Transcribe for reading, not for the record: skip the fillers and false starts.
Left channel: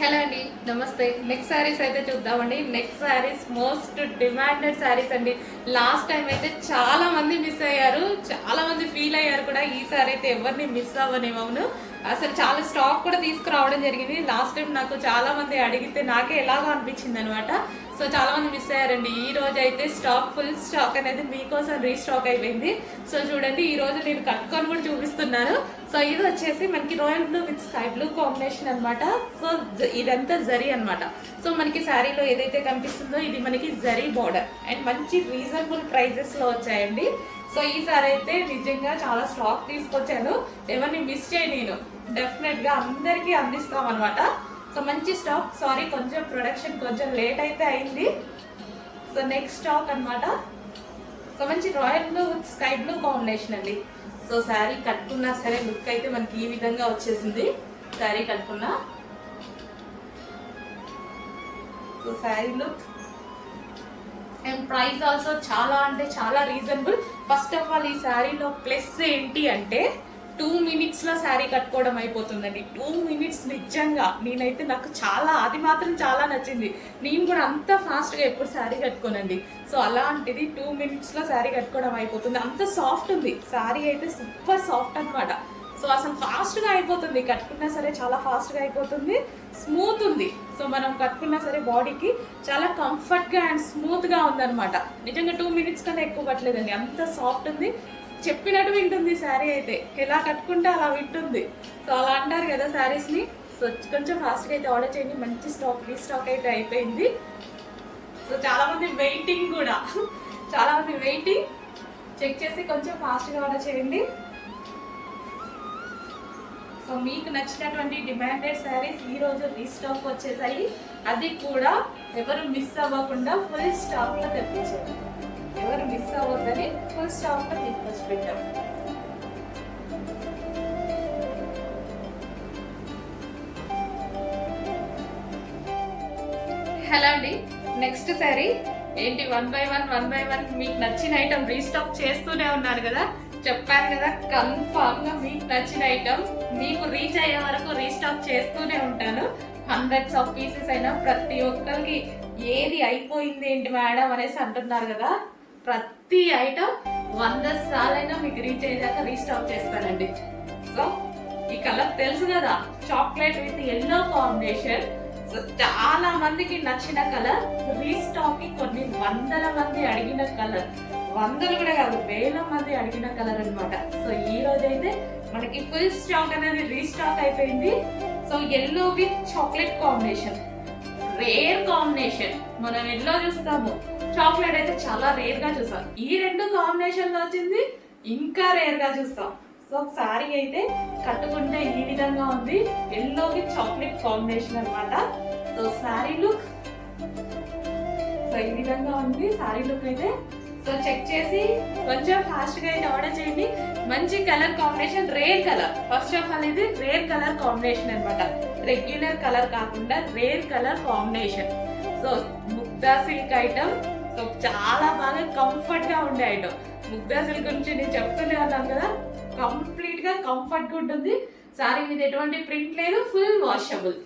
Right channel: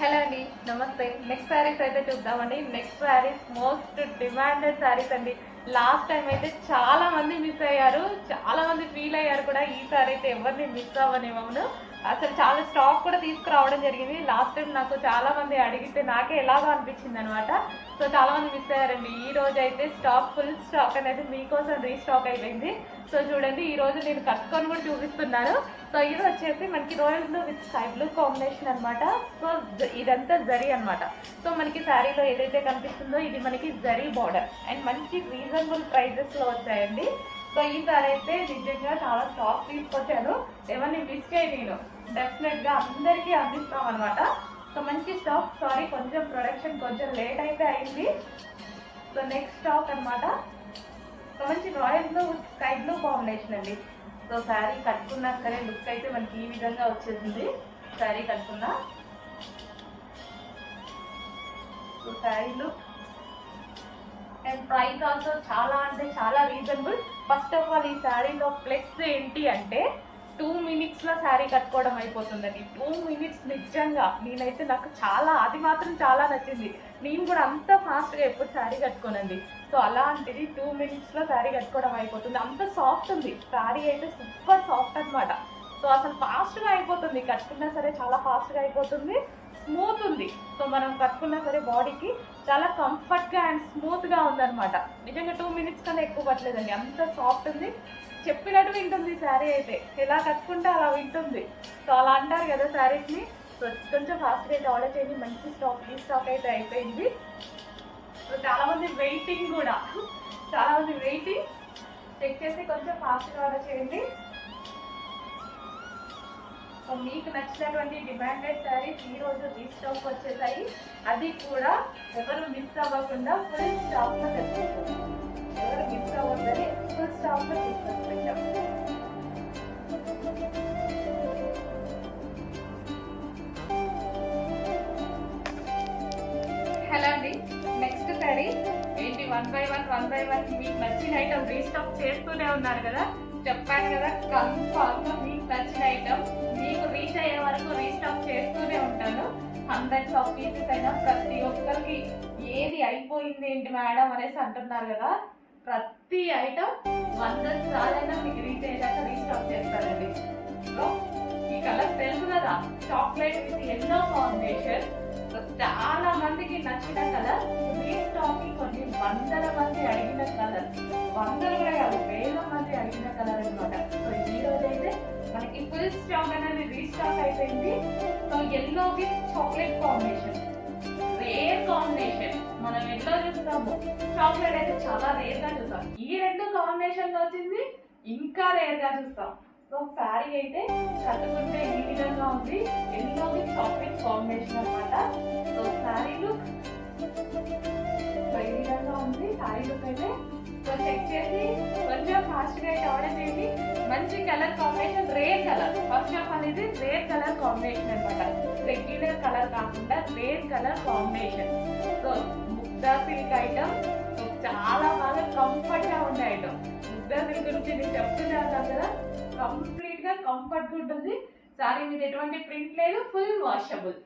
Hello అండి, నమస్తే. Next saris అయితే చూద్దామండి. Next saris most demanded saris అండి. లాస్ట్ టైం అయితే చాలా మంది మిస్ అయ్యారు, చాలా మంది ఫీల్ అయ్యారు కూడా. ఈ సారీ అయితే ఎవరిని మిస్ అవ్వనివ్వను. అసలు చాలా స్టాక్ కూడా తీసుకురావడం జరిగింది. లాస్ట్ టైం నాకు చాలా మంది అడిగితే నాకే ఎలాగో అనిపించింది అనమాట. సో చాలా మంది మిస్ అయ్యారండి. ఈ రోజు అయితే ఫుల్ స్టాక్ అనేది మీకోసం రీస్టాక్ అయిపోయింది. సో చూడండి, ఈ రోజు నేను కట్టుకొని కూడా చూపిస్తున్నాను. సో ఇది వచ్చేసి మనకి royal blue with sky blue combination అనమాట. సో ఇదంతా జరీ అనమాట. సో మనకి శారీలో ఏదైతే కనిపిస్తుందో ఇది మనకి జరీ బార్డర్ అండ్ మంచి రీజనబుల్ ప్రైజెస్లో వచ్చాయండి. సో ఈ సారీ అయితే నిజంగా చాలా స్టాక్ తీసుకొచ్చాను, ఎవరిని మిస్ చేయ నేను డెఫినెట్గా అందరికీ అందిస్తాం అనమాట. సో మంచి స్టాక్. సారీ, కొంచెం ప్రొడక్షన్ కొంచెం లేట్ అయితే అయింది. సో నెక్స్ట్ స్టాక్ అనమాట. సో మంచి royal blue with sky blue combination అండి. సో శారీ కట్టుకున్నా సరే లుక్ అయితే మనకి ఈ విధంగా వచ్చేసింది. శారీ కట్టుకున్నా so sari look and price also చాలా అంటే చాలా రీజనబుల్. ఫస్ట్ ఆఫ్ ఆల్ ఈ శారీలో ప్లస్ ఏంటి అంటే 2 minutesలో శారీ కట్టుకోవడం అయిపోతుందండి. 2 minutes నిజంగా నేనైతే నాకు చాలా, అది మాత్రం చాలా నచ్చింది. నేను కూడా అంత ఫాస్ట్గా ఎప్పుడు శారీ కట్టుకోనండి. సో అలాంటిది 2 minutesలో శారీ కట్టుకోవడం అయిపోతుంది. అంత సాఫ్ట్ ఉంది శారీ అయితే, సూపర్ సాఫ్ట్ అనమాట. సో అసలు ఫాస్ట్గా అయిపోతుంది, కట్టుకున్నా సరే చాలా ఫాస్ట్గా అయిపోతుంది. స్మూత్ ఉంది. సో మనం కట్టుకున్నా సరే బాడీకి చాలా కంఫర్ట్గా అండ్ స్మూత్గా ఉందన్నమాట. నిజంగా 2 minutes కన్నా ఎక్కువ పట్టలేదండి, అంత సాఫ్ట్ ఉంది. చెప్పినట్టు వింటుంది శారీ అయితే, ఎలా కట్టుకుంటే అలా వింటుంది. సో అలా అంటారు కదా శారీస్ని. సో కొంచెం ఫాస్ట్గా అయితే ఆర్డర్ చేయండి. మంచి రీస్టాక్ అయితే అయిపోయింది. సో చాలామంది వెయిటింగ్ కూడా, చాలామంది వెయిటింగ్. చెక్ చేసి కొంచెం ఫాస్ట్గా ఆర్డర్ చేయండి. సో మీకు నచ్చినటువంటి డిమాండెడ్ శారీస్ ఈరోజు రీస్టాక్ వచ్చేసాయి. అది కూడా ఎవరు మిస్ అవ్వకుండా ఫుల్ స్టాక్లో తెప్పించారు. ఎవరు మిస్ అవ్వద్దని ఫుల్ స్టాక్లో తీసుకొచ్చి పెట్టాము. హలో అండి, నెక్స్ట్ శారీ ఏంటి, 1 by 1 మీకు నచ్చిన ఐటమ్ రీస్టాక్ చేస్తూనే ఉన్నారు కదా. చెప్పాను కదా, కన్ఫామ్గా మీకు నచ్చిన ఐటమ్ మీకు రీచ్ అయ్యే వరకు రీస్టాక్ చేస్తూనే ఉంటాను. హండ్రెడ్స్ ఆఫ్ పీసెస్ అయినా ప్రతి ఒక్కరికి ఏది అయిపోయింది ఏంటి మేడం అనేసి అంటున్నారు కదా. ప్రతి ఐటమ్ 100 సార్లైనా మీకు రీచ్ అయ్యేదాకా రీస్టాక్ చేస్తానండి. సో ఈ కలర్ తెలుసు కదా, chocolate with yellow combination. So చాలా మందికి నచ్చిన కలర్, రీస్టాక్ కొన్ని వందల మంది అడిగిన కలర్, వందలు కూడా కాదు వేల మంది అడిగిన కలర్ అనమాట. సో ఈ రోజు అయితే మనకి ఫుల్ స్టాక్ అనేది రీస్టాక్ అయిపోయింది. So yellow with chocolate combination, rare combination. మనం ఎల్లో చూస్తాము, చాక్లెట్ అయితే చాలా రేర్ గా చూస్తాం. ఈ రెండు కాంబినేషన్ లో వచ్చింది, ఇంకా రేర్ గా చూస్తాం. సో సారీ అయితే కట్టుకుంటే ఈ విధంగా ఉంది, ఎల్లో విత్ చాక్లెట్ కాంబినేషన్ అనమాట. సో సారీ లుక్ ఈ విధంగా ఉంది. సారీ లుక్ అయితే సో చెక్ చేసి కొంచెం ఫాస్ట్ గా అయితే ఆర్డర్ చేయండి. మంచి colour combination, rare colour. First of all ఇది రేర్ కలర్ కాంబినేషన్ అనమాట. రెగ్యులర్ కలర్ కాకుండా rare colour combination. So Mugdha silk item. So చాలా బాగా కంఫర్ట్ గా ఉండే ఐటమ్. ముగ్దా సిల్క్ గురించి నేను చెప్తూనే ఉన్నాను కదా, కంప్లీట్ గా కంఫర్ట్ గా ఉంటుంది. సారీ మీద ఎటువంటి ప్రింట్ లేదు, ఫుల్ వాషబుల్.